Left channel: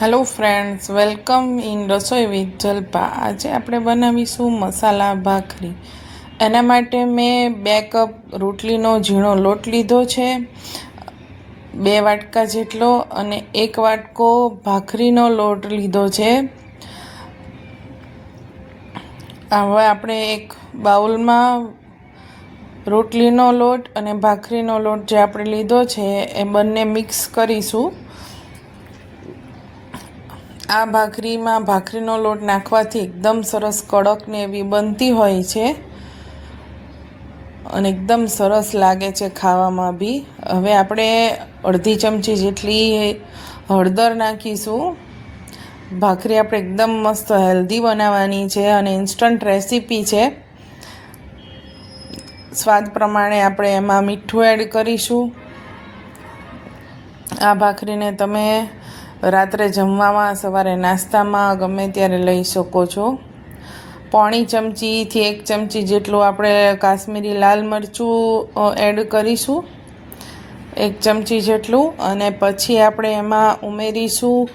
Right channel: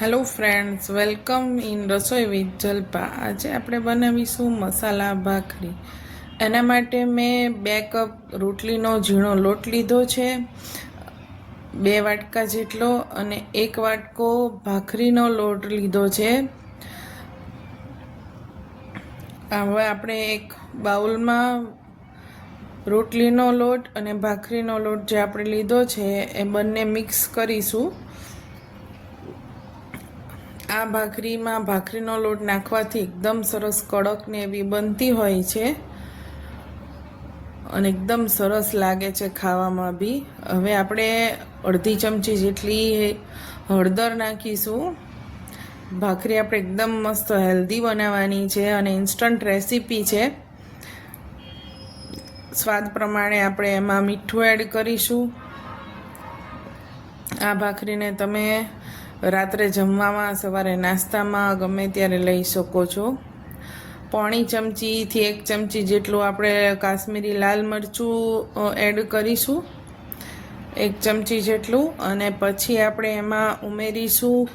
Hello friends welcome in Rasoi with Jalpa આજે આપણે બનાવીશું મસાલા ભાખરી. એના માટે મેં બે કપ રોટલીનો ઝીણો લોટ લીધો છે, બે વાટકા જેટલો અને એક વાટકો ભાખરીનો લોટ લીધો છે. હવે આપણે એક બાઉલમાં રોટલીનો લોટ અને ભાખરીનો લોટ જે આપણે લીધો છે, એ બંને મિક્સ કરીશું. આ ભાખરીમાં ભાખરીનો લોટ નાખવાથી એકદમ સરસ કડક ને એવી બનતી હોય છે. અને એકદમ સરસ લાગે છે ખાવામાં બી. હવે આપણે અડધી ચમચી જેટલી હળદર નાખીશું. ભાખરી આપણે એકદમ મસ્ત હેલ્ધી બનાવવાની છે અને ઇન્સ્ટન્ટ રેસીપી છે. સ્વાદ પ્રમાણે આપણે એમાં મીઠું એડ કરીશું. આ ભાખરીને તમે રાત્રે જમવામાં, સવારે નાસ્તામાં ગમે ત્યારે લઈ શકો છો. પોણી ચમચીથી એક ચમચી જેટલું આપણે કાશ્મીરી લાલ મરચું એડ કરીશું. એક ચમચી જેટલું અને પછી આપણે એમાં ઉમેરીશું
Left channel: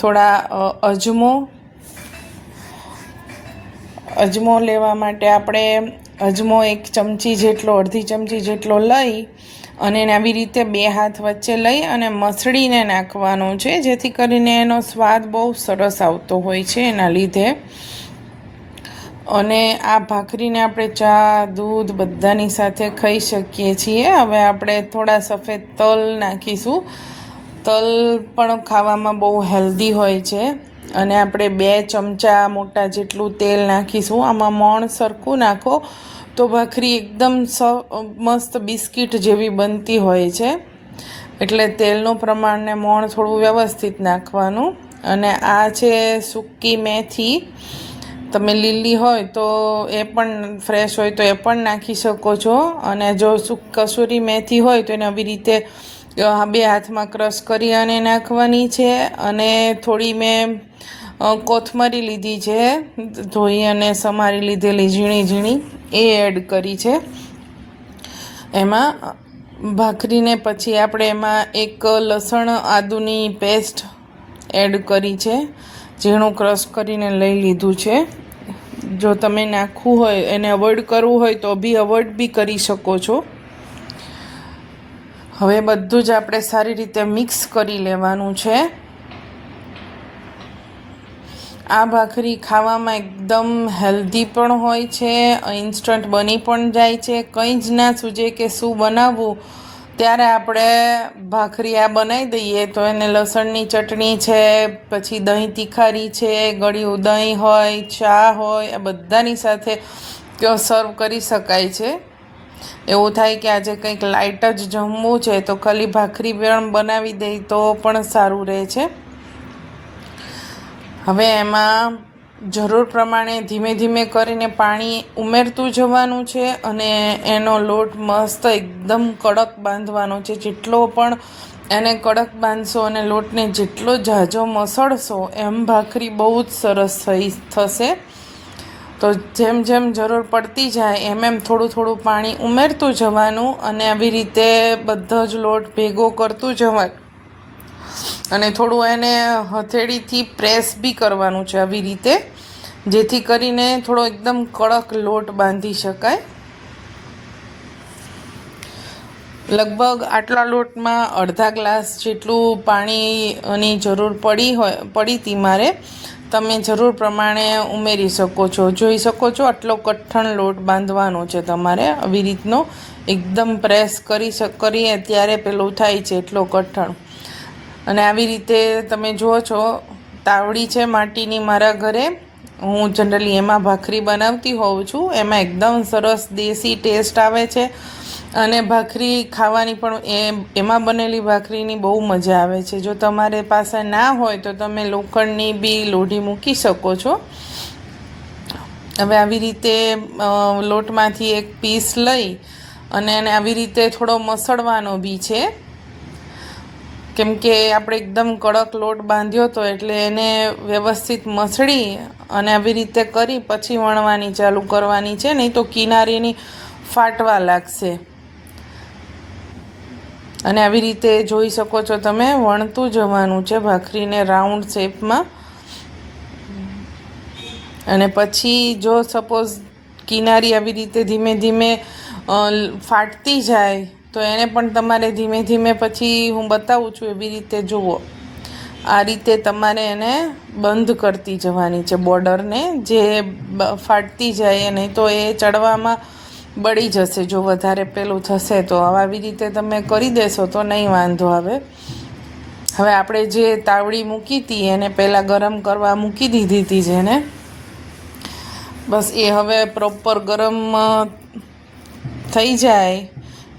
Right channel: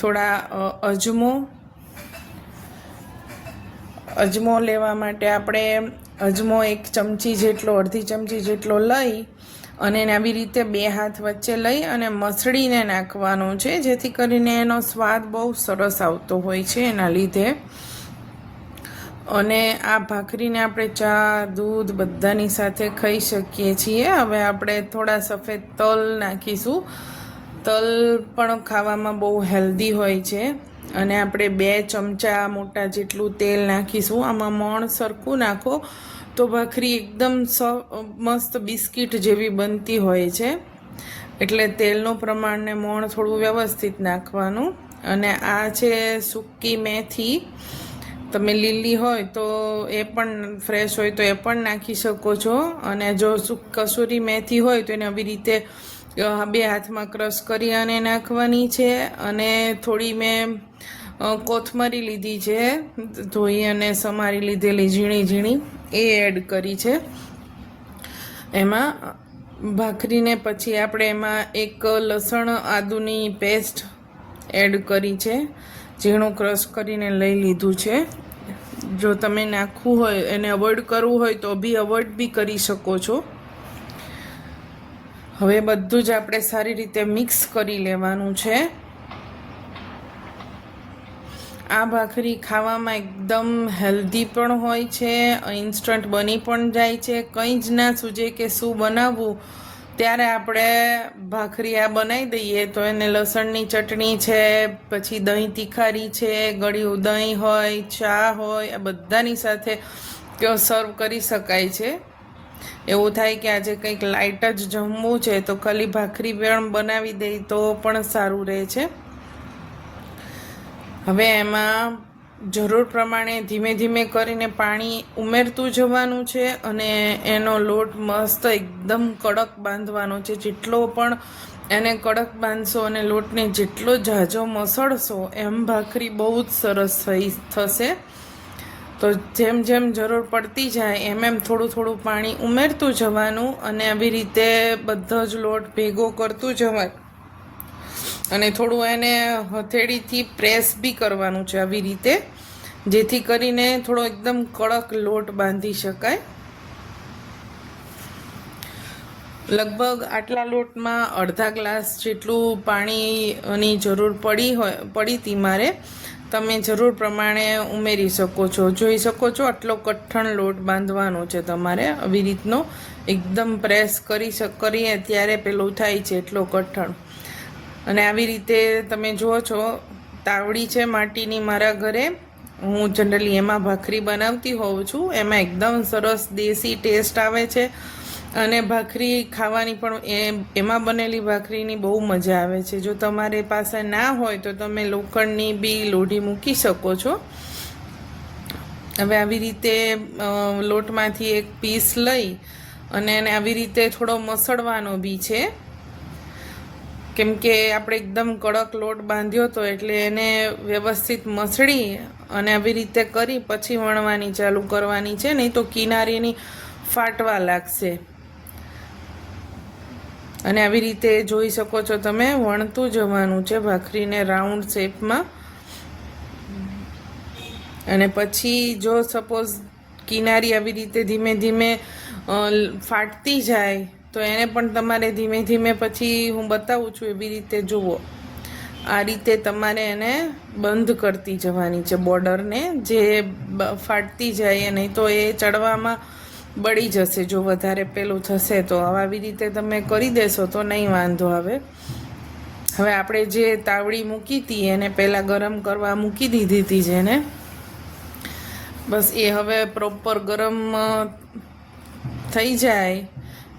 થોડા અજમો. અજમો લેવા માટે આપણે અજમો એક ચમચી જેટલો, અડધી ચમચી જેટલો લઈ અને એને આવી રીતે બે હાથ વચ્ચે લઈ અને મસળીને નાખવાનો છે, જેથી કરીને એનો સ્વાદ બહુ સરસ આવતો હોય છે એના લીધે. અને આ ભાખરીને આપણે ચા, દૂધ બધાની સાથે ખાઈ શકીએ છીએ. હવે આપણે થોડા સફેદ તલ નાખીશું. તલ પણ ખાવામાં બહુ હેલ્ધી હોય છે. અને આપણે બે ચમચા મોટા જેટલું તેલ નાખીશું. આમાં મોણ સરખું નાખો. તો ભાખરી એકદમ સ, મસ્ત બિસ્કિટ જેવી બનતી હોય છે. એટલે તેલનું પ્રમાણને મોણ થોડું વ્યવસ્થિત નાખવાનું. અને આ છે સૂકી મેથી. તમે લીલી હોય તો એ પણ ફ્રેશ હોય તો એ પણ નાખી શકો છો. અને જો કસૂરી મેથી હોય તો એને આવી રીતે બે હાથમાં ક્રશ કરી અને નાખવાની છે. અને થોડી મેં કોથમરી લીધી છે. ધોઈ અને સમારી લીધેલી ઝીણી ઝીણી. એ એડ કરી છે. એમાં ભાખરીને પછી આપણે એમાં એક લસણ આદુની પેસ્ટ એડ કરી છે, ઝીણું ક્રશ કરીને લઈ લીધું છે. જો તમે નાખવું હોય, એને અવોઇડ કરવું હોય તો બી અવોઇડ બી કરી શકો છો. હવે બધું જ આપણે સારી રીતે મિક્સ કરી લેવાનું છે. આ ભાખરી ખાવામાં એકદમ હેલ્ધી પણ હોય છે ઇન્સ્ટન્ટ બની પણ જાય છે. કંઈ જ ના સૂજે કે શું બનાવવું. ત્યારે આપણે ભાખરી આ બનાવી દઈએ તો એને લસણની ચટણી છે, પછી દહીં તીખારી છે, ગળ્યું દહીં હોય, ચા હોય, આ બધાની સાથે સર્વ કરી શકાય છે. એવું થાય કે આજે કંઈક લાઇટ જ જમવું છે તો ખાલી ભાખરી પણ બનાવી દઈ તો પણ સારું રહે છે. હવે એમાં જરૂર પ્રમાણે ધીમે ધીમે કરીને પાણી ઉમેરતું જવાનું છે અને એનો લોટ મસ્ત એકદમ કડક બાંધવાનો છે. જેટલો પણ એને કડક બાંધશો અને લોટને જેટલો ઝાઝો મસળશો એમ ભાખરી બહુ જ સરસ થઈ થશે. તો જેમ જેમ જરૂર પડતી જાય એમ એમ થોડું થોડું પાણી ઉમેરતું જવાનું અને આવી રીતે બધો જ લોટ ભેગો કરતું જવાનું અને થોડું એને હથેળીથી પ્રેસ બી કરવાનું છે આવી રીતે, જેથી કરીને થોડો એકદમ કડક લોટ બાંધી શકાય. લગભગ આટલા લોટમાં અડધા ગ્લાસ જેટલું પાણીની જરૂર પડી હોય, પડી હતી મારે. તમે જરૂર પ્રમાણે ઉમેરી શકો છો. જોઈ શકો છો આટલો કઠણ લોટ બાંધવાનો છે તમારે. આવી રીતનો એકદમ પ્રેસ કરી કરીએ ત્યારે પેલું થાય છે એટલો કઠણ. અને આવી રીતે તમે જુઓ છો, તાવડી છે માટીની મારા ઘરે. હું જનરલી એમાં ભાખરી બનાવતી હોઉં છું. એમાં એકદમ સરસ દેશી ટેસ્ટ આવે છે. અને ભાખરી ખાવાની પણ એ, એમાં બનેલી ભાખરીની બહુ મજા આવે છે. જો તમારે પાસે ના હોય તો તમે લોખંડની બી લોઢી મૂકી શકો છો. હવે આવી રીતે લોટમાંથી એક પીસ લઈ અને એને આવી રીતે થોડો મસળવાનો બી છે. કેમ કે આપણે એકદમ કડક લોટ બાંધ્યો હતો એટલે એને વ્યવસ્થિત મસળી અને આવી રીતે કરી પછી વણવાની ચાલુ કરવાની છે, નહીં તો કિનારીની ફાટવા લાગશે. અને આવી રીતે જોઈ શકો છો તમે, વણતું જવાનું છે ભાખરીને રાઉન્ડ શેપમાં. અને પછી જો સપોઝ કિનારી આવી રીતે ધીમે ધીમે ફાટતી જાય તો એને પણ તમારે ધીમે ધીમે પછી હું બતાવું છું એવી રીતે જુઓ. આ રીતે તમારે એને બંધ કરતી જવાની છે બોર્ડરને. જે ફાટતી જાય નહીં તો એ ચડવામાં બળી જશે. જો વધારે પેલું થશે તો હવે આવી રીતે તમે કરી દેશો તો નહીં વાંધો આવે. હવે આપણે જે તાવડી મૂકી હતી એને પહેલાં ગરમ કરવા મૂકી દીધી હતી જેને. બસ એ હવે પ્રોપર ગરમ થઈ જાય.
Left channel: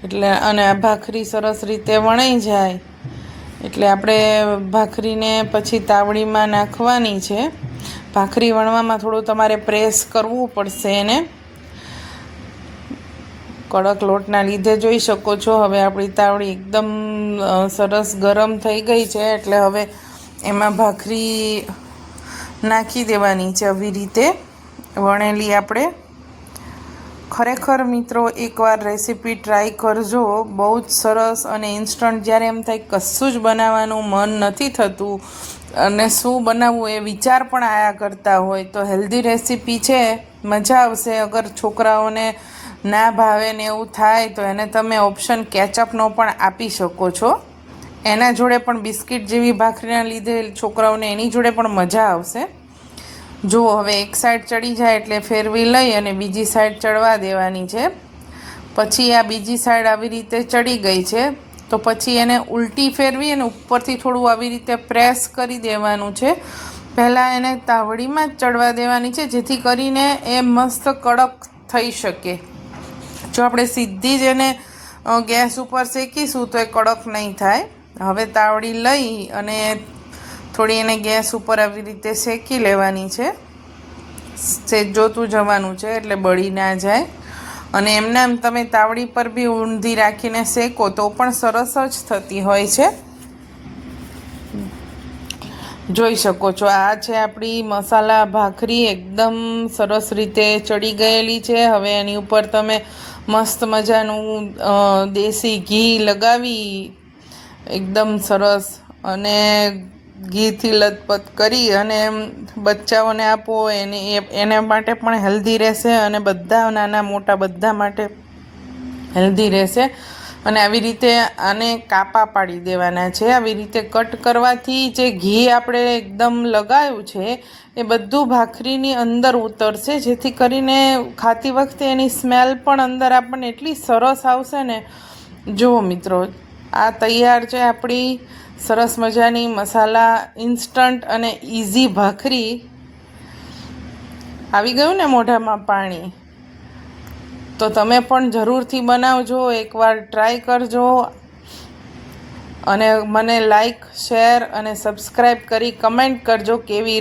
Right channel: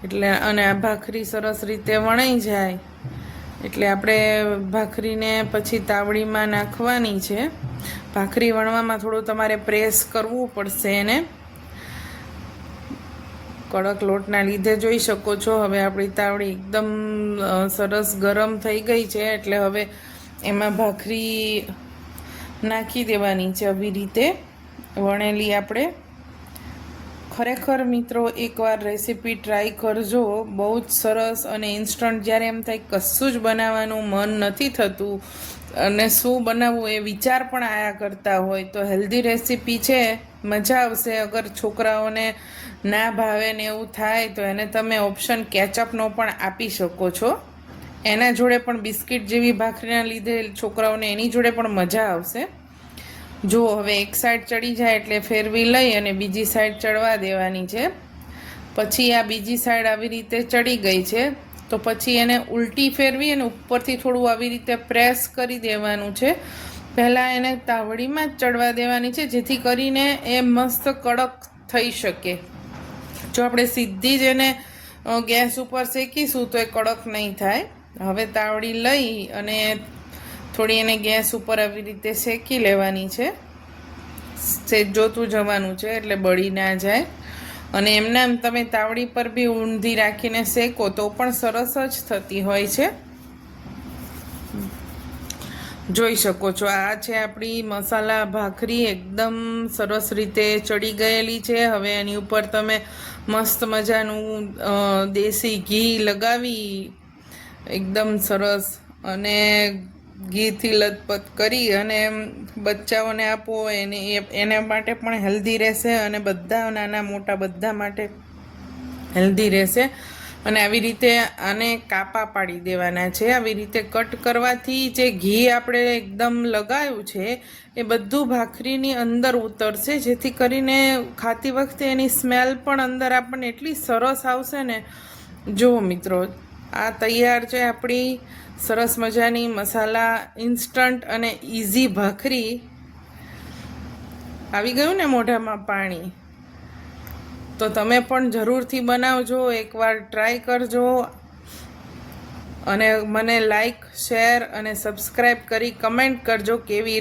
એટલે અને આ ભાખરી સરસ રીતે વણાઈ જાય. એટલે આપણે ભાખરીને પછી તાવડીમાં નાખવાની છે. ભાખરી વણવામાં થોડું તમારે પ્રેસ કરવું પડશે એને. કડક લોટના લીધે જોઈ શકો છો. હવે આપણી તાવડી એકદમ સરસ ગરમ થઈ ગઈ છે. એટલે હવે એમાં ભાખરી નાખી દેવાની છે. આવી રીતે વણેલી આપણે ખરેખર મિત્રો, એકવાર રેસીપી ટ્રાય કરજો. બહુ જ સરસ અને ઇન્સ્ટન્ટ જ્યારે એમ થાય કશું જ બનાવવાનું મન નથી થતું અને શું બનાવવું એ વિચાર પણ આયા કરતા હોય, તો હેલ્ધી રેસીપી છે. મજા આવશે. અગર છોકરાઓને ના ભાવે ને એવું થાય, તો એને તમે ઓપ્શન કેચઅપનો પણ આપી શકો છો. એના જોડે પણ બિસ્કિટ જેવી ભાખરીના લીધે છોકરાઓને એની જોડે પણ મજા આવશે. જો હવે એક સાઈડ ચડી જાય એટલે ફેરવી લઈ અને બીજી સાઈડ ચડવા દેવાની છે. પછી આ બીજી સાઈડ આવી રીતે ચડી ગઈ છે. તો પછી એને ઉલટી ફેરવી અને ઉપરથી થોડું આવી રીતે પ્રેસ કરી દેવાનું છે. પહેલાં એને તાવડીમાં જ ચડવા દેવાની છે, જેથી કરીને એ મસ્ત કડક થઈ શકે. જો આપણે સીધી જ એને ગેસ ઉપર શેકીશું તો એ કડક નહીં થાય. હવે તાવડી લઈ અને થોડી એને ગેસ ઉપર આવી રીતે શેકી લેવાની છે. સેજ જોતું જવાનું છે એટલે બળી ના જાય. અને એમને એમ તમે તાવડી પર બી ઊંધી રાખીને શેકો તો પણ સરસ જ થતી હોય છે. જોઈ શકો છો, આ છે આપણી મસાલા ભાખરી એકદમ સરસ રીતે ચડી ગયેલી છે. હવે એની ઉપર તમે મસ્ત મજાનું દેશી ઘી લગાવી. એકદમ સરસ. અને ઘીથી લથપથ કરી અને બચ્ચાઓને આપો, એને એને માટે પણ હેલ્ધી રહેશે અને બધા નાના મોટા બધા માટે હેલ્ધી રહેશે. અને આવી રીતે આને કાપા પાડી દેવાના છે. આવી રીતે કટ કરવાથી જે ઘી આપણે એકદમ લગાવ્યું છે, એ બધું ભાખરીની અંદર ઉતરશે, જેથી કરીને ખાતી વખતે એની સ્મેલ પણ અંદર આપણને એટલી સરસ આવશે ને. જુઓ મિત્રો આ તૈયાર છે આપણી સરસ મજાની મસાલા ઇન્સ્ટન્ટ અને ઇઝી ભાખરી. આવી ગયું ને મોઢામાં પાણી? તો તમે પણ જરૂરથી બનાવજો, એકવાર ટ્રાય કરજો. અને મને લાઈક શેર અને સબસ્ક્રાઈબ કરી કમેન્ટ કરજો કેવી